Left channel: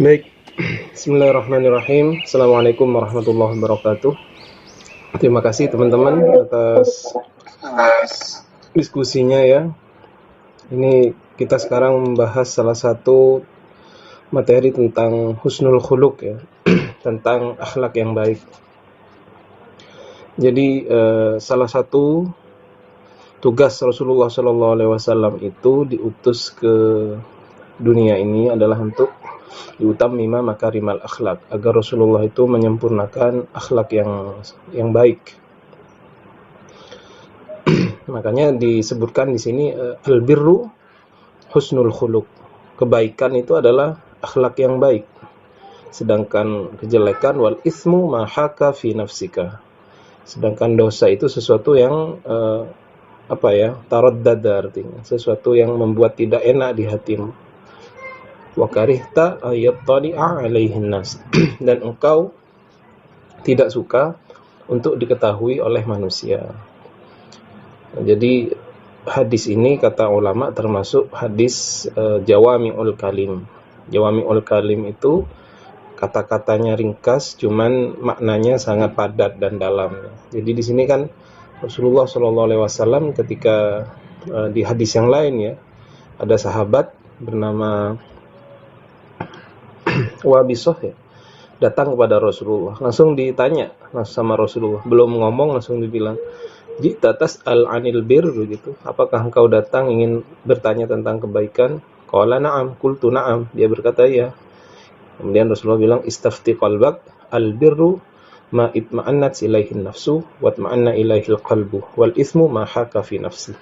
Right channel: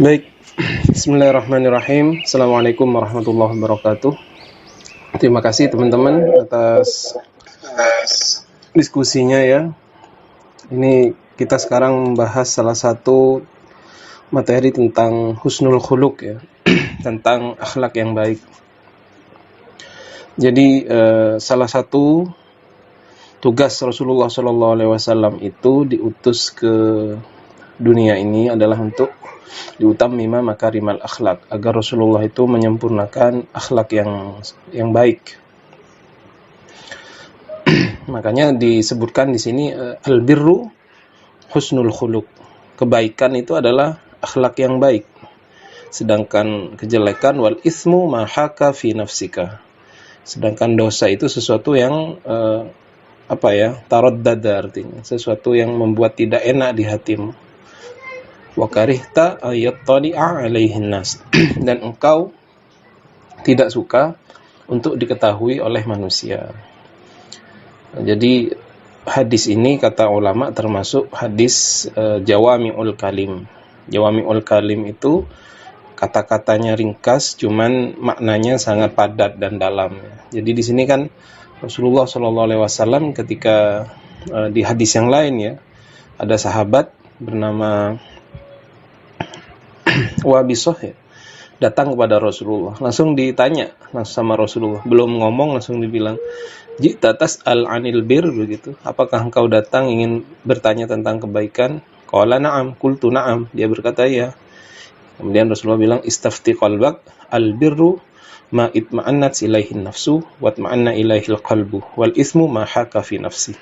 Baik, bismillahirrahmanirrahim. Assalamualaikum warahmatullahi wabarakatuh. Terima kasih teman-teman atas diskusinya ya. Ini kita sekarang membahas salah satu materi tentang husnul khuluq ya, tentang akhlak yang baik. Jadi salah satu tugas Rasulullah SAW itu diutus ke dunia ini adalah untuk diutammima makarimal akhlak, agar Rasulullah itu menyempurnakan akhlak yang baik. Makanya disebutkan di sini albirru husnul khuluq. Kebaikan itu adalah akhlak yang baik. Sedangkan kejelekan wal ismu ma haka fi nafsika. Sedangkan dosa itu sesuatu yang taraddada, artinya sesuatu yang membuat tidak enak di hatimu. Wa karihta ayattali'a alaihin nas. Dan engkau tidak suka untuk diketahui oleh manusia. Jadi hadis ini kata ulama termasuk hadis jawami'ul kalim. Jawami'ul kalim itu kata-katanya ringkas, cuman maknanya sangat padat dan dalam. Jadi di sini kan Rasulullah SAW ketika di hadis yang lain ya, ada sahabat bernama Wabisoh ya, datang kepada Rasulullah, langsung ditanya sama Rasulullah, belum ngomong langsung dibilang, jita tas'al anil bir, begitu, apakah engkau datang ingin bertanya tentang kebaikan? Qala na'am, qultu na'am, dia berkata ya. Kemudian Rasulullah bilang, istafti qalbak, al birru ma itma'annat ilaihin nafsu wa itma'anna ilaihil qalbu wal ismu ma haka fi nafsi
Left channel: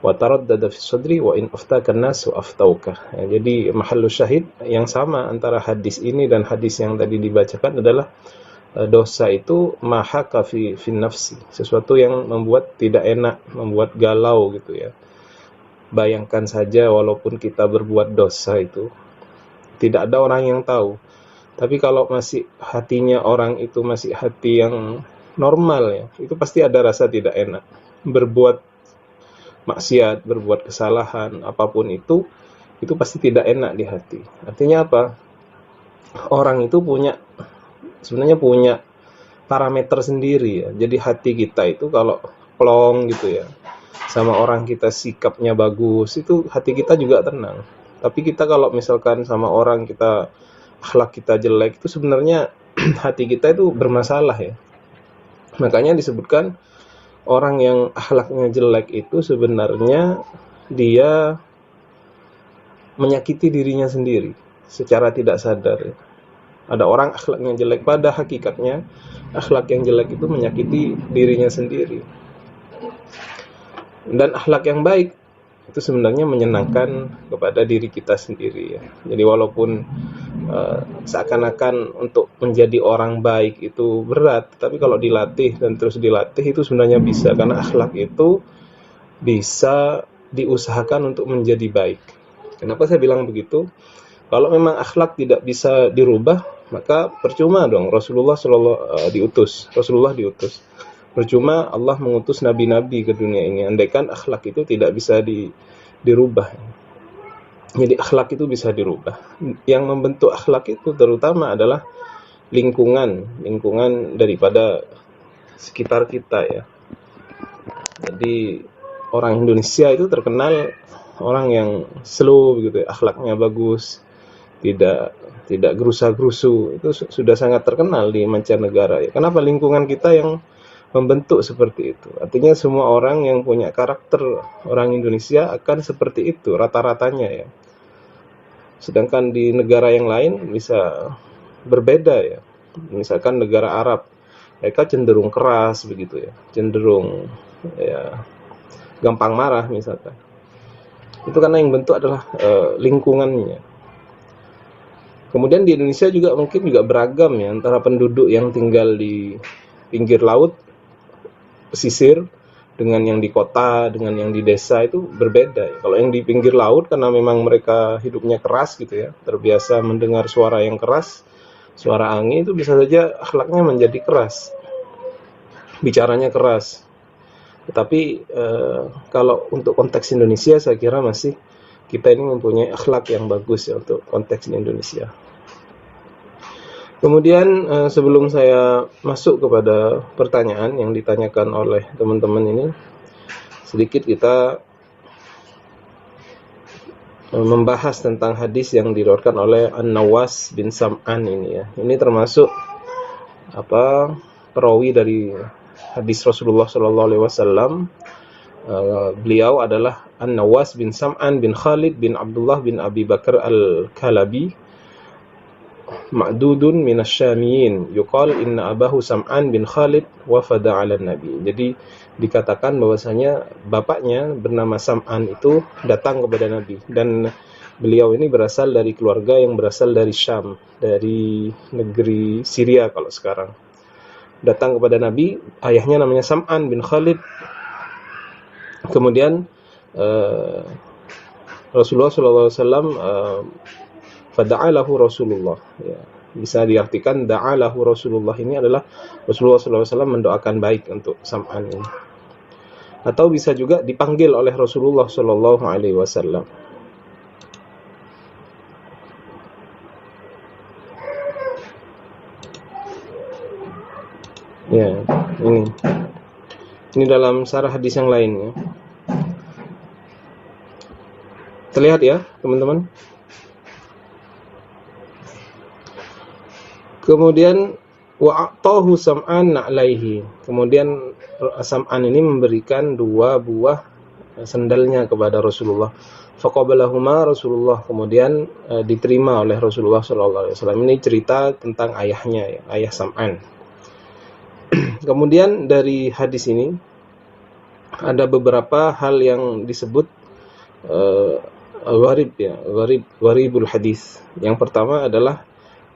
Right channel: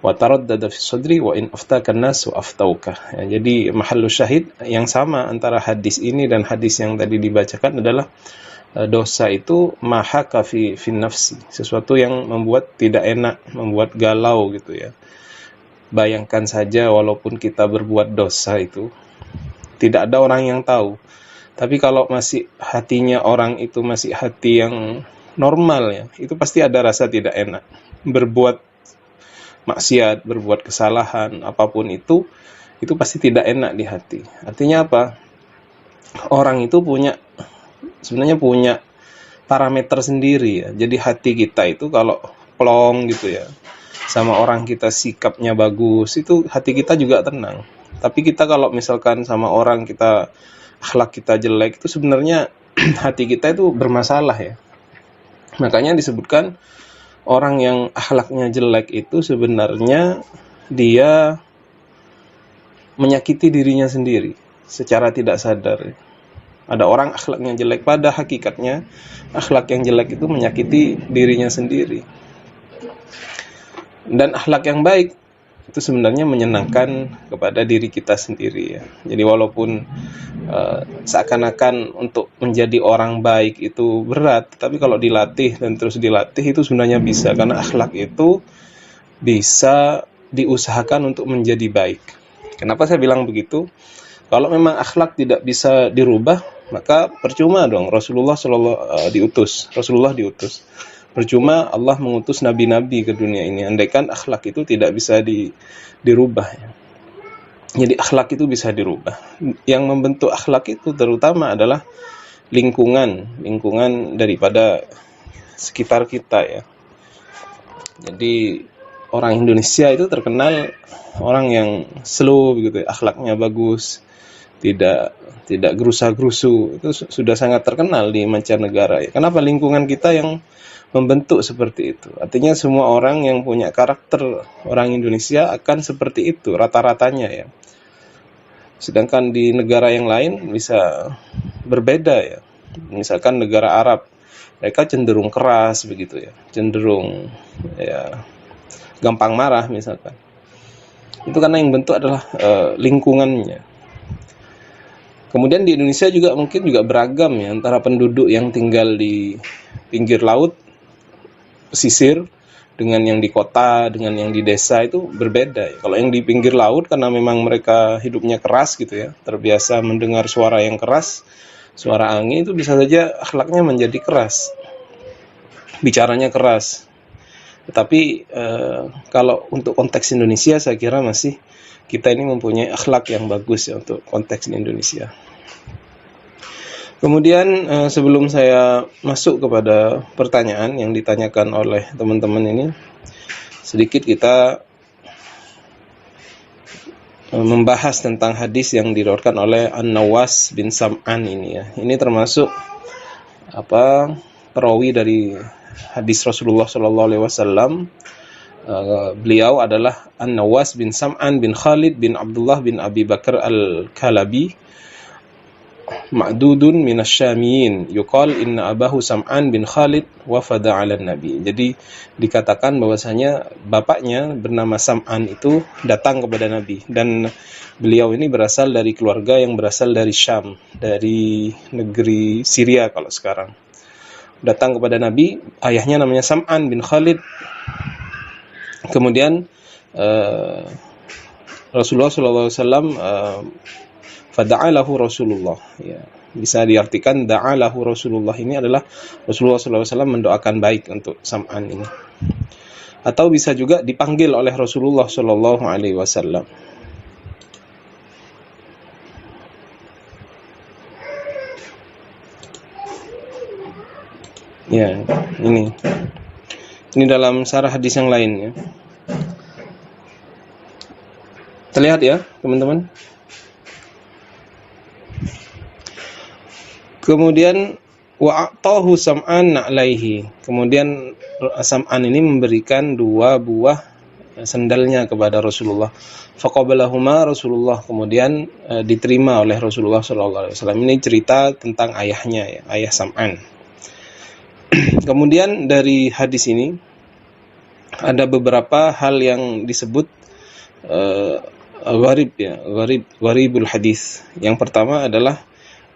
wa taraddada fi sadri wa in aftaka an-nas wa aftauka. Ya, jadi mahallu syahid yang sama antara hadis ini dan hadis yang tadi dibacakan adalah dosa itu mahaka fi nafsi, sesuatu yang membuat tidak enak, membuat galau gitu ya. Bayangkan saja walaupun kita berbuat dosa itu tidak ada orang yang tahu, tapi kalau masih hatinya orang itu masih hati yang normal ya, itu pasti ada rasa tidak enak. Berbuat maksiat, berbuat kesalahan, apapun itu pasti tidak enak di hati. Artinya apa? Orang itu sebenarnya punya parameter sendiri ya. Jadi hati kita itu kalau plong gitu ya, sama orang kita sikapnya bagus, itu hati kita juga tenang. Tapi kita kalau misalkan sama orang kita akhlak kita jelek, itu sebenarnya hati kita itu bermasalah ya. Makanya disebutkan orang yang akhlaknya jelek itu sebenarnya dia menyakiti dirinya sendiri secara tidak sadar ya. Ada orang akhlaknya jelek, pada hakikatnya akhlak yang jelek itu menyakiti dirinya sendiri. Dan akhlak yang baik itu sebenarnya menyenangkan kepada diri kita sendiri ya. Jadi walaupun seakan-akan untuk menjadi orang baik itu berat, tapi kalau dilatih dan terus dilatih itu sebenarnya bisa, karena akhlak itu bisa diusahakan untuk menjadi baik. Kenapa saya bilang begitu? Kalau memang akhlak tidak bisa dirubah, maka percuma dong Rasulullah diutus. Percuma Allah mengutus nabi-nabi ke dunia ini, andaikan akhlak itu tidak bisa dirubah ya. Jadi akhlak itu bisa dirubah. Yang membentuk akhlak itu terutama adalah lingkungan daripada sekitar kita ya. Jadi orang Indonesia itu terkenal orang yang slow begitu, akhlaknya bagus, tidak gerusa-gerusu. Itu sudah sangat terkenal di mancanegara ya. Kenapa? Lingkungan kita yang membentuk seperti itu. Artinya semua orang yang punya karakter orang Indonesia akan seperti itu rata-ratanya ya. Sedangkan di negara yang lain bisa berbeda ya. Misalkan negara Arab, mereka cenderung keras begitu ya, cenderung ya gampang marah misalkan. Itu karena yang bentuk adalah lingkungannya. Kemudian di Indonesia juga mungkin juga beragam ya, antara penduduk yang tinggal di pinggir laut, pesisir, dengan yang di kota, dengan yang di desa itu berbeda ya. Kalau yang di pinggir laut karena memang mereka hidupnya keras gitu ya, terbiasa mendengar suara yang keras, suara angin, itu bisa saja akhlaknya menjadi keras, bicaranya keras. Tetapi kalau untuk konteks Indonesia saya kira masih kita ini mempunyai akhlak yang bagus ya untuk konteks di Indonesia. Kemudian sebelum saya masuk kepada pertanyaan yang ditanyakan oleh teman-teman ini, sedikit kita membahas tentang hadis yang diriwayatkan oleh An-Nawas bin Sam'an ini ya. Ini termasuk perawi dari hadis Rasulullah SAW. Beliau adalah An-Nawas bin Sam'an bin Khalid bin Abdullah bin Abi Bakar Al-Kalabi, ma'dudun minasyamiyin, yuqal inna abahu Sam'an bin Khalid wafada 'ala nabi. Jadi dikatakan bahwasanya bapaknya bernama Sam'an itu datang kepada Nabi, dan beliau ini berasal dari keluarga yang berasal dari Syam, dari negeri Syria kalau sekarang. Datang kepada Nabi, ayahnya namanya Sam'an bin Khalid. Kemudian Rasulullah SAW fada'alahu Rasulullah, ya, bisa diartikan da'alahu Rasulullah ini adalah Rasulullah SAW mendoakan baik untuk Sam'an ini, atau bisa juga dipanggil oleh Rasulullah SAW. Ya, ini dalam syarah hadis yang lain ya. Terlihat ya teman-teman. Kemudian wa'atahu Sam'an na'laihi. Kemudian Sam'an ini memberikan 2 buah sandalnya kepada Rasulullah. Faqabalahuma Rasulullah, kemudian diterima oleh Rasulullah SAW. Ini cerita tentang ayahnya ya, ayah Sam'an. Kemudian dari hadis ini ada beberapa hal yang disebut gharib ya, gharibul hadis. Yang pertama adalah,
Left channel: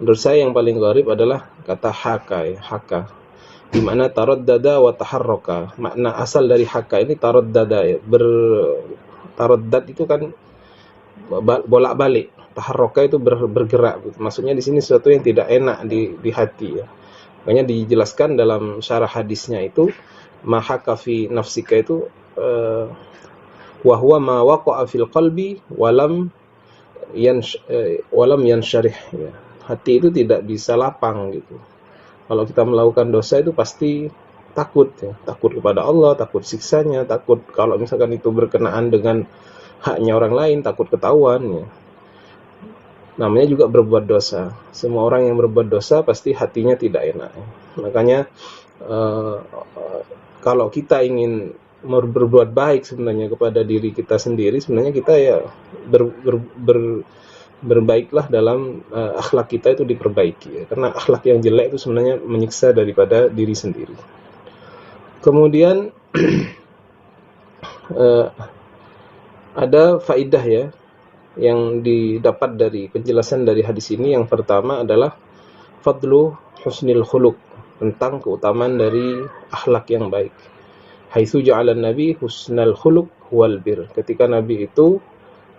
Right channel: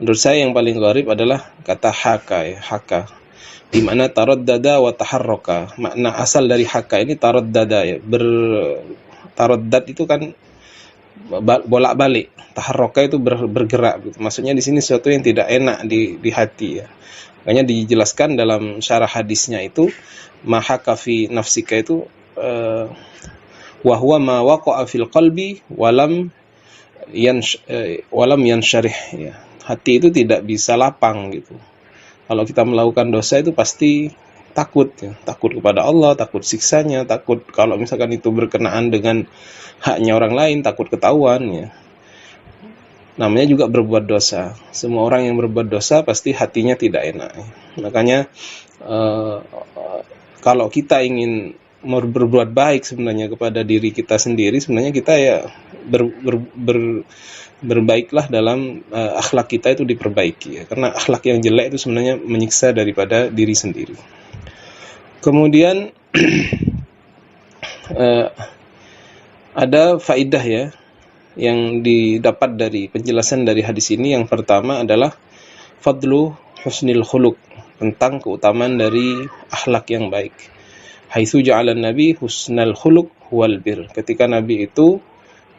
menurut saya yang paling gharib adalah kata haka ya, haka, di mana taraddada wa taharraka. Makna asal dari haka ini taraddada ya, taraddad itu kan bolak-balik, taharraka itu bergerak gitu. Maksudnya di sini sesuatu yang tidak enak di hati ya. Makanya dijelaskan dalam syarah hadisnya itu, mahaka fi nafsika itu wa huwa ma waqa'a fil qalbi walam yansyarih ya. Hati itu tidak bisa lapang gitu. Kalau kita melakukan dosa itu pasti takut ya. Takut kepada Allah, takut siksanya, takut kalau misalkan itu berkenaan dengan haknya orang lain, takut ketahuan ya. Namanya juga berbuat dosa. Semua orang yang berbuat dosa pasti hatinya tidak enak ya. Makanya kalau kita ingin berbuat baik sebenarnya kepada diri kita sendiri, sebenarnya kita ya berbaiklah dalam akhlak kita itu diperbaiki ya. Karena akhlak yang jelek itu sebenarnya menyiksa daripada diri sendiri. Kemudian ada faidah ya yang didapat dari penjelasan dari hadis ini. Yang pertama adalah fadlu husnil khuluq, tentang keutamaan dari akhlak yang baik. Haitsu ja'ala Nabi husnal khuluq wal bir. Ketika Nabi itu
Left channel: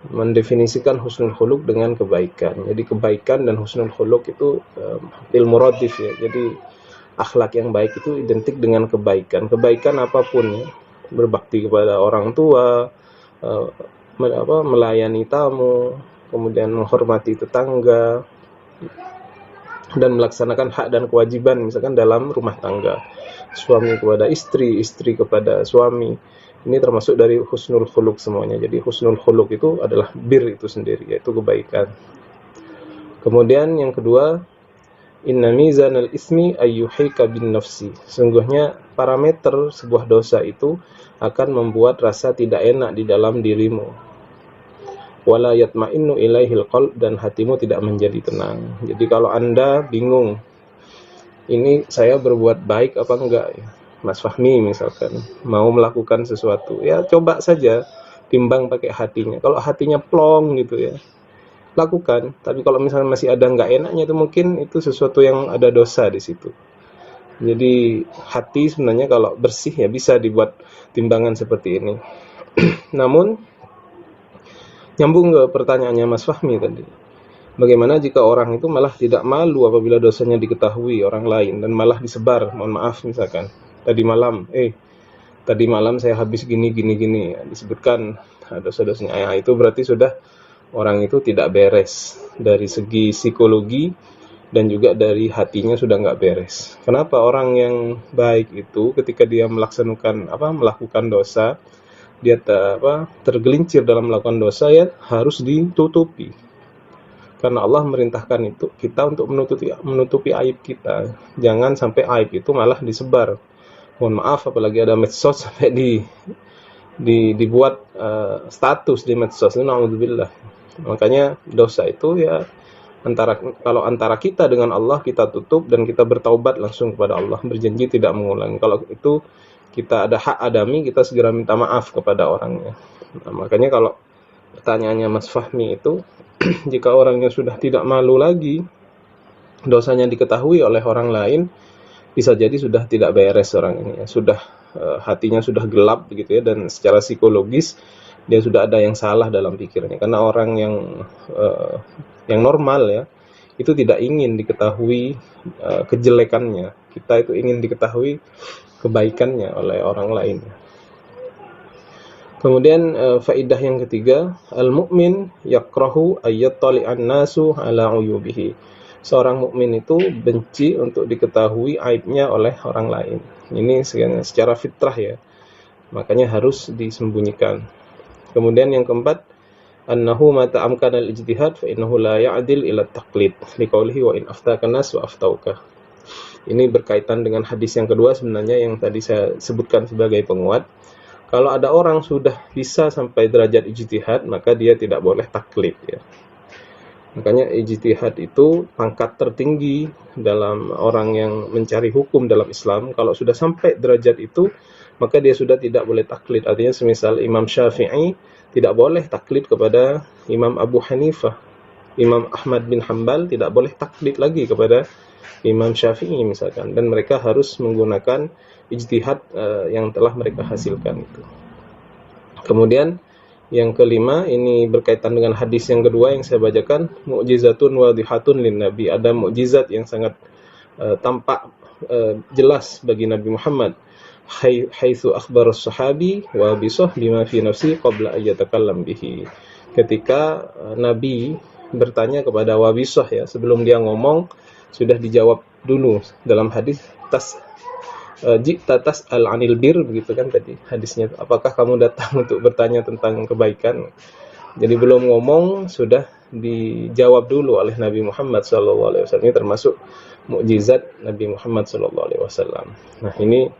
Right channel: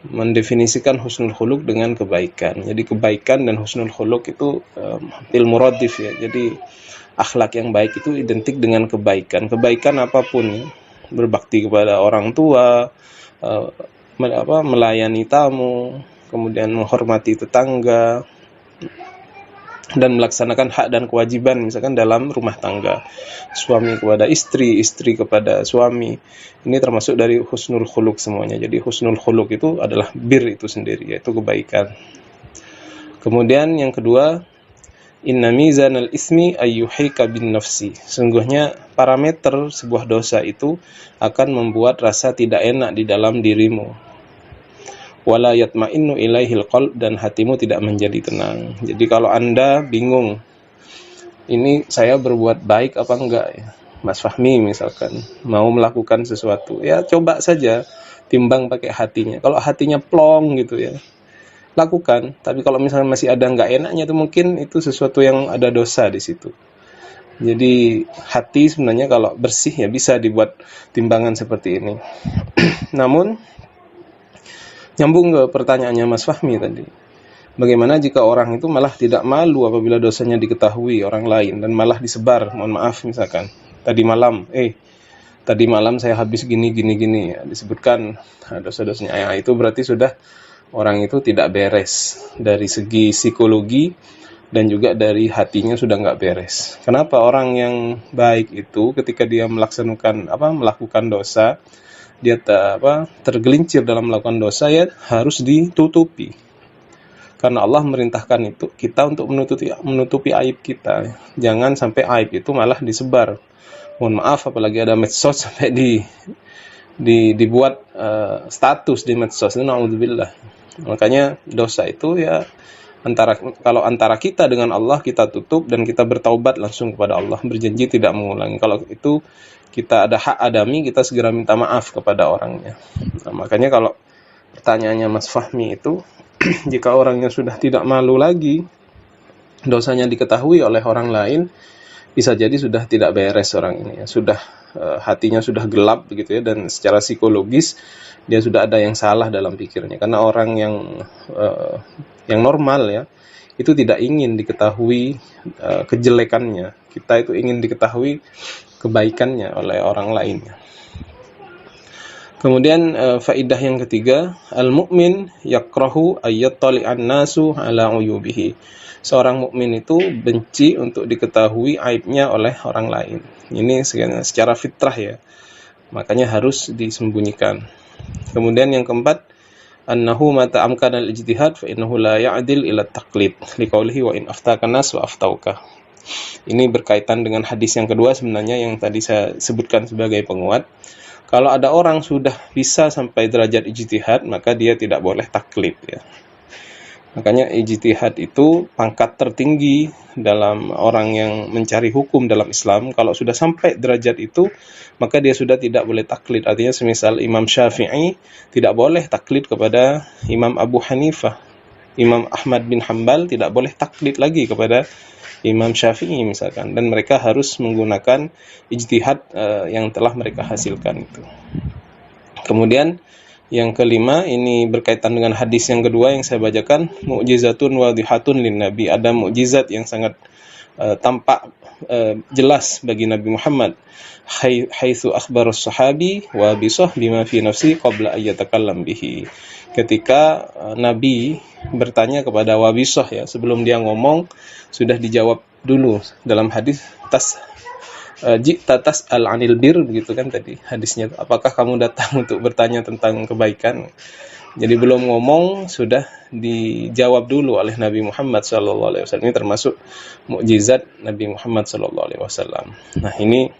mendefinisikan husnul khuluq dengan kebaikan. Jadi kebaikan dan husnul khuluq itu ilmu radif ya. Jadi akhlak yang baik itu identik dengan kebaikan. Kebaikan apapun, berbakti kepada orang tua, melayani tamu, kemudian menghormati tetangga, dan melaksanakan hak dan kewajiban misalkan dalam rumah tangga, suami kepada istri, istri kepada suami. Ini termasuk dari husnul khuluq semuanya. Jadi husnul khuluq itu adalah bir itu sendiri, yaitu kebaikan. Kemudian yang kedua, inna mizanal ismi ayyuhika bin nafsi. Sungguhnya parameter sebuah dosa itu akan membuat rasa tidak enak di dalam dirimu. Wala yatma'innu ilaihil qalb, dan hatimu tidak menjadi tenang. Jadi kalau Anda bingung, ini saya berbuat baik apa enggak ya? Mas Fahmi misalkan mau melakukan sesuatu, ya coba saja timbang pakai hatinya. Kalau hatinya plong gitu ya, lakukan. Tapi kalau misalnya masih ada enggak enaknya, itu mungkin itu sesuatu yang ada dosa di situ. Jadi hati sebenarnya kalau bersih ya bisa dibuat timbangan seperti ini. Namun nyambung ke pertanyaannya Mas Fahmi tadi, bagaimana jika orang itu malah tidak malu apabila dosanya diketahui orang lain dan malah disebar, mohon maaf misalkan tadi malam saya habis gini ya, disebutkan dosa-dosanya ya, itu berarti sudah orang itu tidak beres dari segi psikologi, dan juga dari hatinya sudah nggak beres. Kenapa orang yang baik itu ketika dia melakukan dosa, dia tergelincir dalam melakukan dosa, ya harus ditutupi. Karena Allah merintahkan itu kita untuk menutupi aib kita. Jangan sampai aib itu malah disebar. Mohon maaf, apalagi ada medsos sampai dibuat status di medsos. Na'udzubillah. Makanya dosa itu ya kalau antara kita dengan Allah kita tutup dan kita bertaubat langsung kepada Allah, berjanji tidak mengulangi. Kalau itu kita ada hak adami, kita segera minta maaf kepada orangnya. Nah, makanya kalau pertanyaannya Mas Fahmi itu, jika orangnya sudah tidak malu lagi, dosanya diketahui oleh orang lain, bisa jadi sudah tidak beres orang ini ya. Sudah hatinya sudah gelap begitu ya, dan secara psikologis dia sudah ada yang salah dalam pikirnya. Karena orang yang normal ya, itu tidak ingin diketahui kejelekannya. Kita itu ingin diketahui kebaikannya oleh orang lain. Kemudian faidah yang ketiga, al-mu'min yakrahu ayyattali'an nasu ala uyubihi. Seorang mukmin itu benci untuk diketahui aibnya oleh orang lain. Ini secara fitrah ya. Makanya harus disembunyikan. Kemudian yang keempat, annahu mata amkana al-ijtihad fa innahu la ya'dil ila taqlid liqaulihi wa in aftaka nas wa aftauka. Ini berkaitan dengan hadis yang kedua sebenarnya yang tadi saya sebutkan sebagai penguat. Kalau ada orang sudah bisa sampai derajat ijtihad, maka dia tidak boleh taklid ya. Makanya ijtihad itu pangkat tertinggi dalam orang yang mencari hukum dalam Islam. Kalau sudah sampai derajat itu, maka dia sudah tidak boleh taklid. Artinya semisal Imam Syafi'i tidak boleh taklid kepada Imam Abu Hanifah. Imam Ahmad bin Hanbal tidak boleh taklid lagi kepada Imam Syafi'i misalkan. Dan mereka harus menggunakan ijtihad yang telah mereka hasilkan itu. Kemudian yang kelima, ini berkaitan dengan hadis yang kedua yang saya bacakan, mu'jizatun wadihatun lin nabi. Ada mukjizat yang sangat tampak jelas bagi Nabi Muhammad. Haitsu akhbarus sahabi wa bisah bima fi nafsi qabla ayyatakallam bihi. Ketika Nabi bertanya kepada Wabisah ya, sebelum dia ngomong sudah dijawab dulu dalam hadis Jikta tas'al 'anil bir, begitu kan tadi hadisnya. Apakah kamu datang untuk bertanya tentang kebaikan? Jadi belum ngomong sudah dijawab dulu oleh Nabi Muhammad SAW. Ini termasuk mukjizat Nabi Muhammad SAW. Nah, ini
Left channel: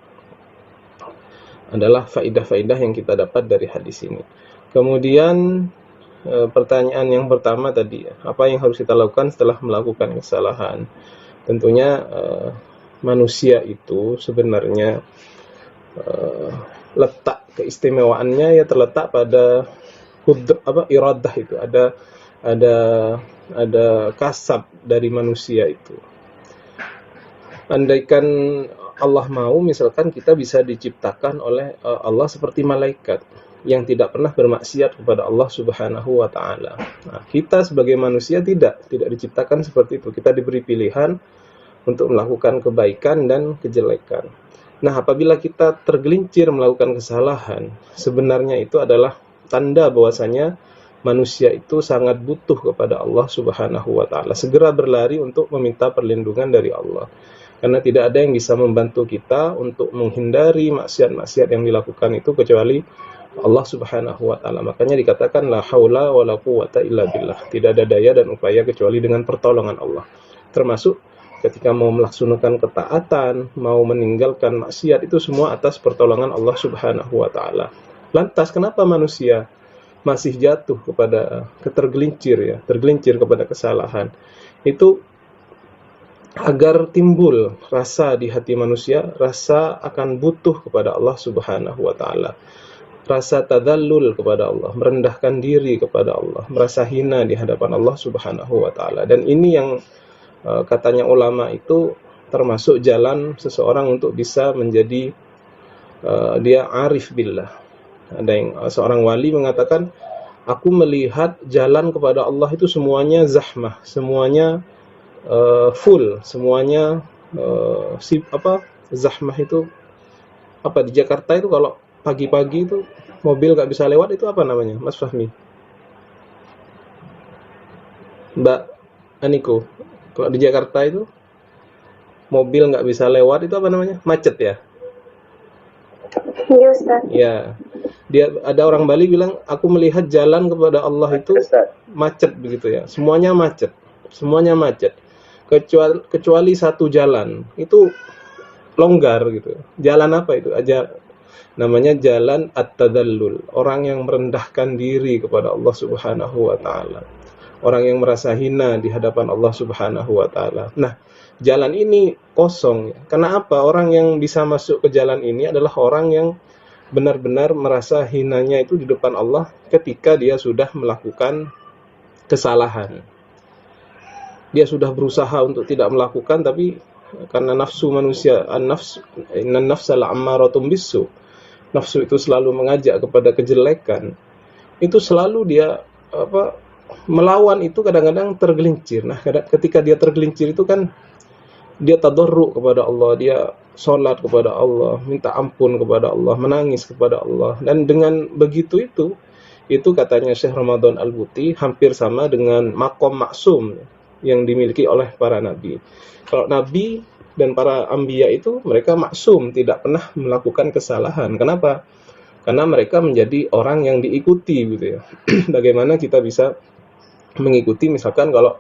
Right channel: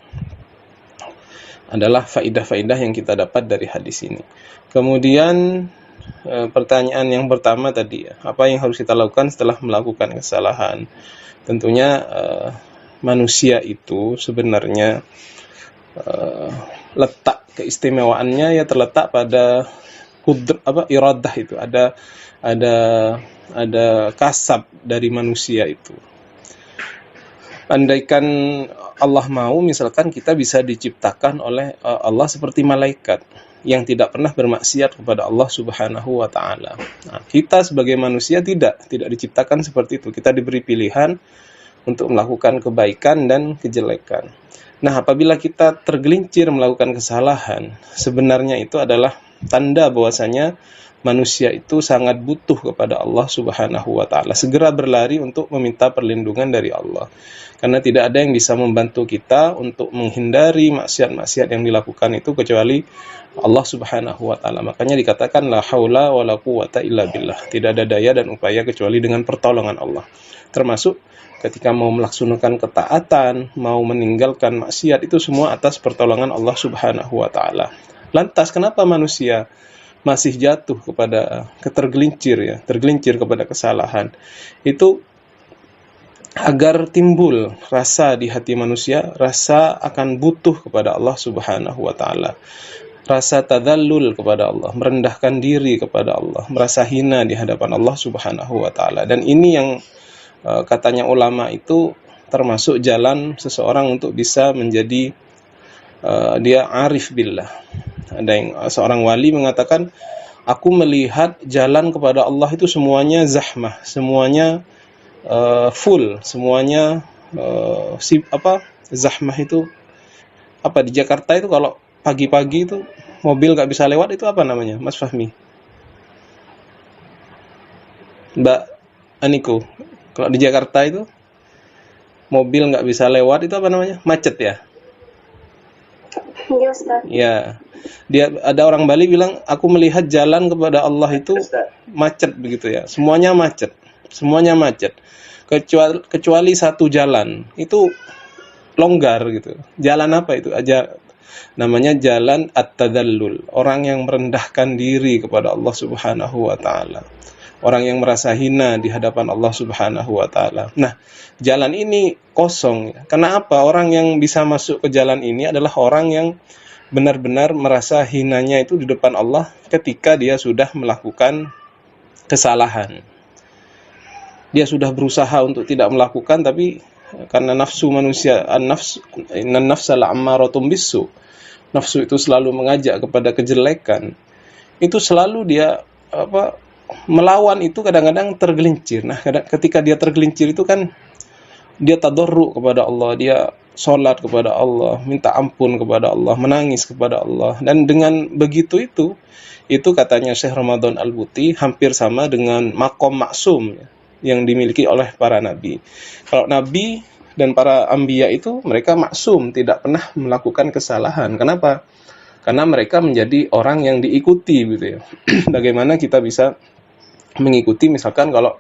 adalah faidah-faidah yang kita dapat dari hadis ini. Kemudian pertanyaan yang pertama tadi, apa yang harus kita lakukan setelah melakukan kesalahan? Tentunya manusia itu sebenarnya letak keistimewaannya ya terletak pada iradah itu. Ada kasab dari manusia itu. Andaikan Allah mau, misalkan kita bisa diciptakan oleh Allah seperti malaikat yang tidak pernah bermaksiat kepada Allah Subhanahu wa taala. Nah, kita sebagai manusia tidak diciptakan seperti itu. Kita diberi pilihan untuk melakukan kebaikan dan kejelekan. Nah, apabila kita tergelincir melakukan kesalahan, sebenarnya itu adalah tanda bahwasanya manusia itu sangat butuh kepada Allah Subhanahu wa taala. Segera berlari untuk meminta perlindungan dari Allah. Karena tidak ada yang bisa membantu kita untuk menghindari maksiat-maksiat yang dilakukan itu kecuali Allah Subhanahu wa taala. Makanya dikatakan la haula wala quwata illa billah. Tidak ada daya dan upaya kecuali dengan pertolongan Allah. Termasuk ketika mau melaksanakan ketaatan, mau meninggalkan maksiat, itu semua atas pertolongan Allah Subhanahu wa taala. Lantas kenapa manusia masih jatuh kepada tergelincir kepada kesalahan? Itu agar timbul rasa di hati manusia, rasa akan butuh kepada Allah Subhanahu wa taala. Rasa tadallul kepada Allah, merendahkan diri kepada Allah, merasa hina di hadapan Allah Subhanahu wa taala. Dan ini yang katanya ulama itu termasuk jalan seseorang untuk bisa menjadi dia arif billah. Ada yang seorang wali mengatakan, aku melihat jalan kepada Allah itu semuanya zahmah, semuanya full, semuanya zahmah itu apa di Jakarta itu kalau pagi-pagi itu mobil gak bisa lewat, itu apa namanya, Mas Fahmi? Mbak Aniko, Kalau di Jakarta itu mobil nggak bisa lewat, itu apa namanya? Macet ya? Iya Ustaz. Ya, dia ada orang Bali bilang, aku melihat jalan kepada Allah itu macet begitu ya. Semuanya macet, semuanya macet. Kecuali satu jalan itu longgar gitu. Jalan apa itu? Aja namanya jalan at-tadallul. Orang yang merendahkan diri kepada Allah Subhanahu wa taala. Orang yang merasa hina di hadapan Allah Subhanahu wa taala. Nah, jalan ini kosong. Karena apa? Orang yang bisa masuk ke jalan ini adalah orang yang benar-benar merasa hinanya itu di depan Allah ketika dia sudah melakukan kesalahan. Dia sudah berusaha untuk tidak melakukan, tapi karena nafsu manusia, innan nafsa la'ammaratun bisu. Nafsu itu selalu mengajak kepada kejelekan. Itu selalu dia melawan itu, kadang-kadang tergelincir. Nah, ketika dia tergelincir itu kan dia tadarru kepada Allah, dia sholat kepada Allah, minta ampun kepada Allah, menangis kepada Allah. Dan dengan begitu itu katanya Syekh Ramadan Al-Buti hampir sama dengan maqam maksum yang dimiliki oleh para nabi. Kalau nabi dan para anbiya itu mereka maksum, tidak pernah melakukan kesalahan. Kenapa? Karena mereka menjadi orang yang diikuti gitu ya. Bagaimana kita bisa mengikuti misalkan kalau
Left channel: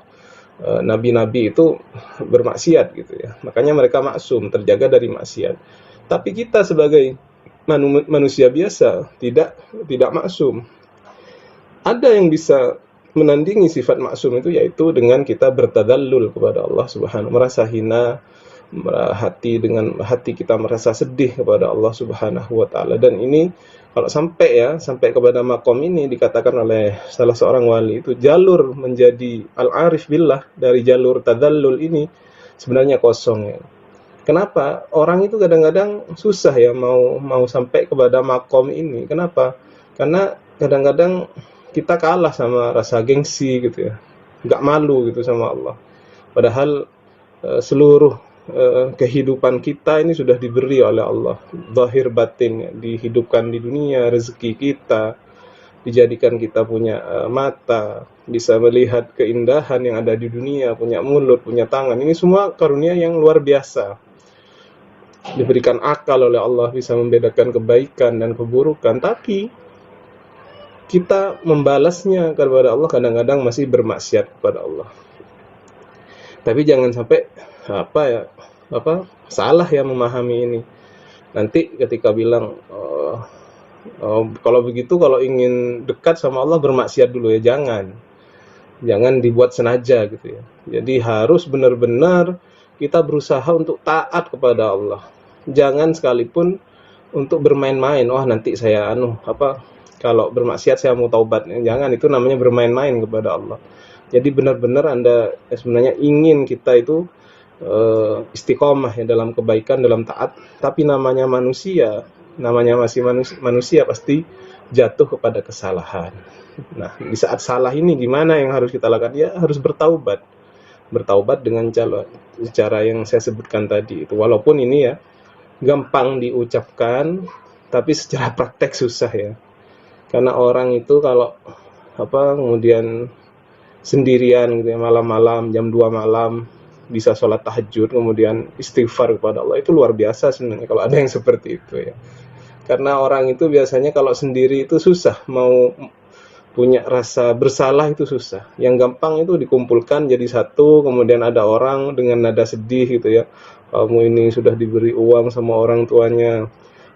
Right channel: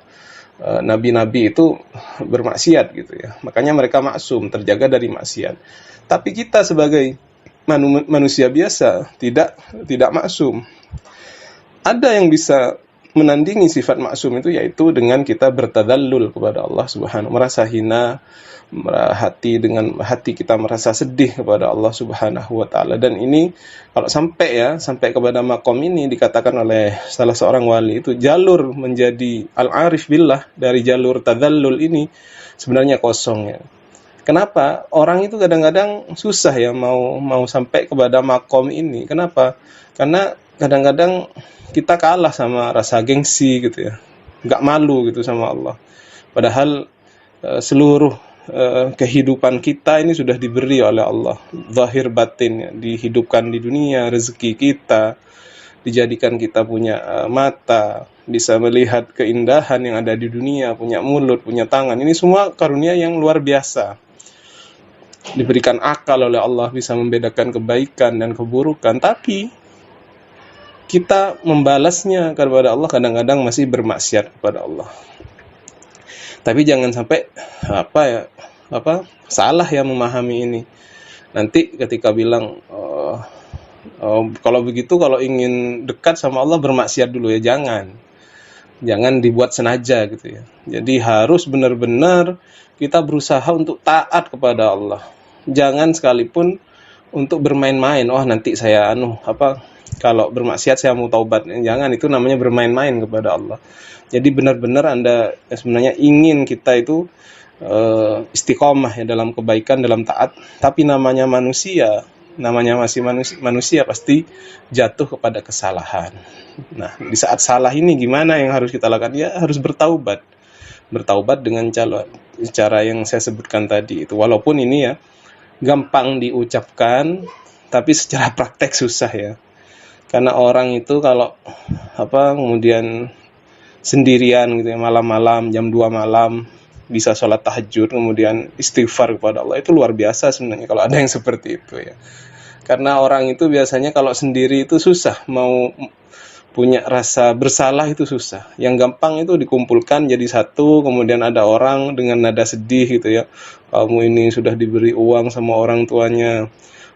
nabi-nabi itu bermaksiat gitu ya. Makanya mereka maksum, terjaga dari maksiat. Tapi kita sebagai manusia biasa tidak maksum. Ada yang bisa menandingi sifat maksum itu, yaitu dengan kita bertadallul kepada Allah Subhanahu, merasa hina, hati kita merasa sedih kepada Allah Subhanahu wa taala. Dan ini kalau sampai kepada makom ini, dikatakan oleh salah seorang wali itu jalur menjadi al-arif billah dari jalur tadallul ini sebenarnya kosong ya. Kenapa? Orang itu kadang-kadang susah ya mau sampai kepada makom ini. Kenapa? Karena kadang-kadang kita kalah sama rasa gengsi gitu ya. Enggak malu gitu sama Allah. Padahal seluruh kehidupan kita ini sudah diberi oleh Allah, zahir batin ya, dihidupkan di dunia, rezeki kita, dijadikan kita punya mata, bisa melihat keindahan yang ada di dunia, punya mulut, punya tangan. Ini semua karunia yang luar biasa. Diberikan akal oleh Allah, bisa membedakan kebaikan dan keburukan, tapi kita membalasnya kepada Allah kadang-kadang masih bermaksiat kepada Allah. Tapi jangan sampai salah ya memahami ini. Nanti ketika bilang kalau begitu, kalau ingin dekat sama Allah bermaksiat dulu ya, jangan dibuat sengaja gitu ya. Jadi harus benar-benar kita berusaha untuk taat kepada Allah. Jangan sekalipun untuk bermain-main. Oh nanti saya kalau bermaksiat saya mau taubat. Jangan, itu namanya bermain-main kepada Allah. Jadi benar-benar Anda sebenarnya ingin kita itu istiqomah ya dalam kebaikan, dalam taat. Tapi namanya masih manusia pasti jatuh kepada kesalahan. Nah, di saat salah ini gimana yang harus kita lakukan? Ya harus bertaubat dengan cara yang saya sebutkan tadi itu. Walaupun ini ya gampang diucapkan, tapi secara praktek susah ya. Karena orang itu kalau kemudian sendirian gitu ya, malam-malam jam 2 malam bisa sholat tahajud, kemudian istighfar kepada Allah, itu luar biasa sebenarnya kalau ada yang seperti itu ya. Karena orang itu biasanya kalau sendiri itu susah, mau punya rasa bersalah itu susah. Yang gampang itu dikumpulkan jadi satu, kemudian ada orang dengan nada sedih gitu ya, kamu ini sudah diberi uang sama orang tuanya,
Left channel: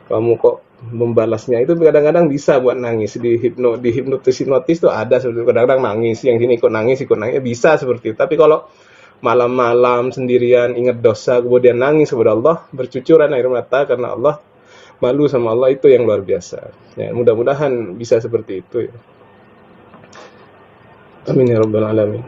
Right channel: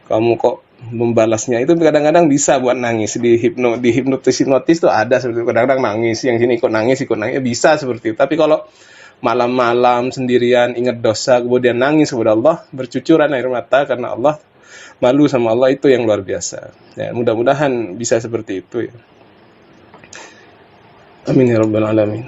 kamu kok membalasnya. Itu kadang-kadang bisa buat nangis. Di hipnotis tuh ada seperti itu, kadang-kadang nangis, yang sini ikut nangis bisa seperti itu. Tapi kalau malam-malam sendirian ingat dosa kemudian nangis kepada Allah, bercucuran air mata karena Allah, malu sama Allah, itu yang luar biasa ya. Mudah-mudahan bisa seperti itu ya. Amin ya rabbal alamin.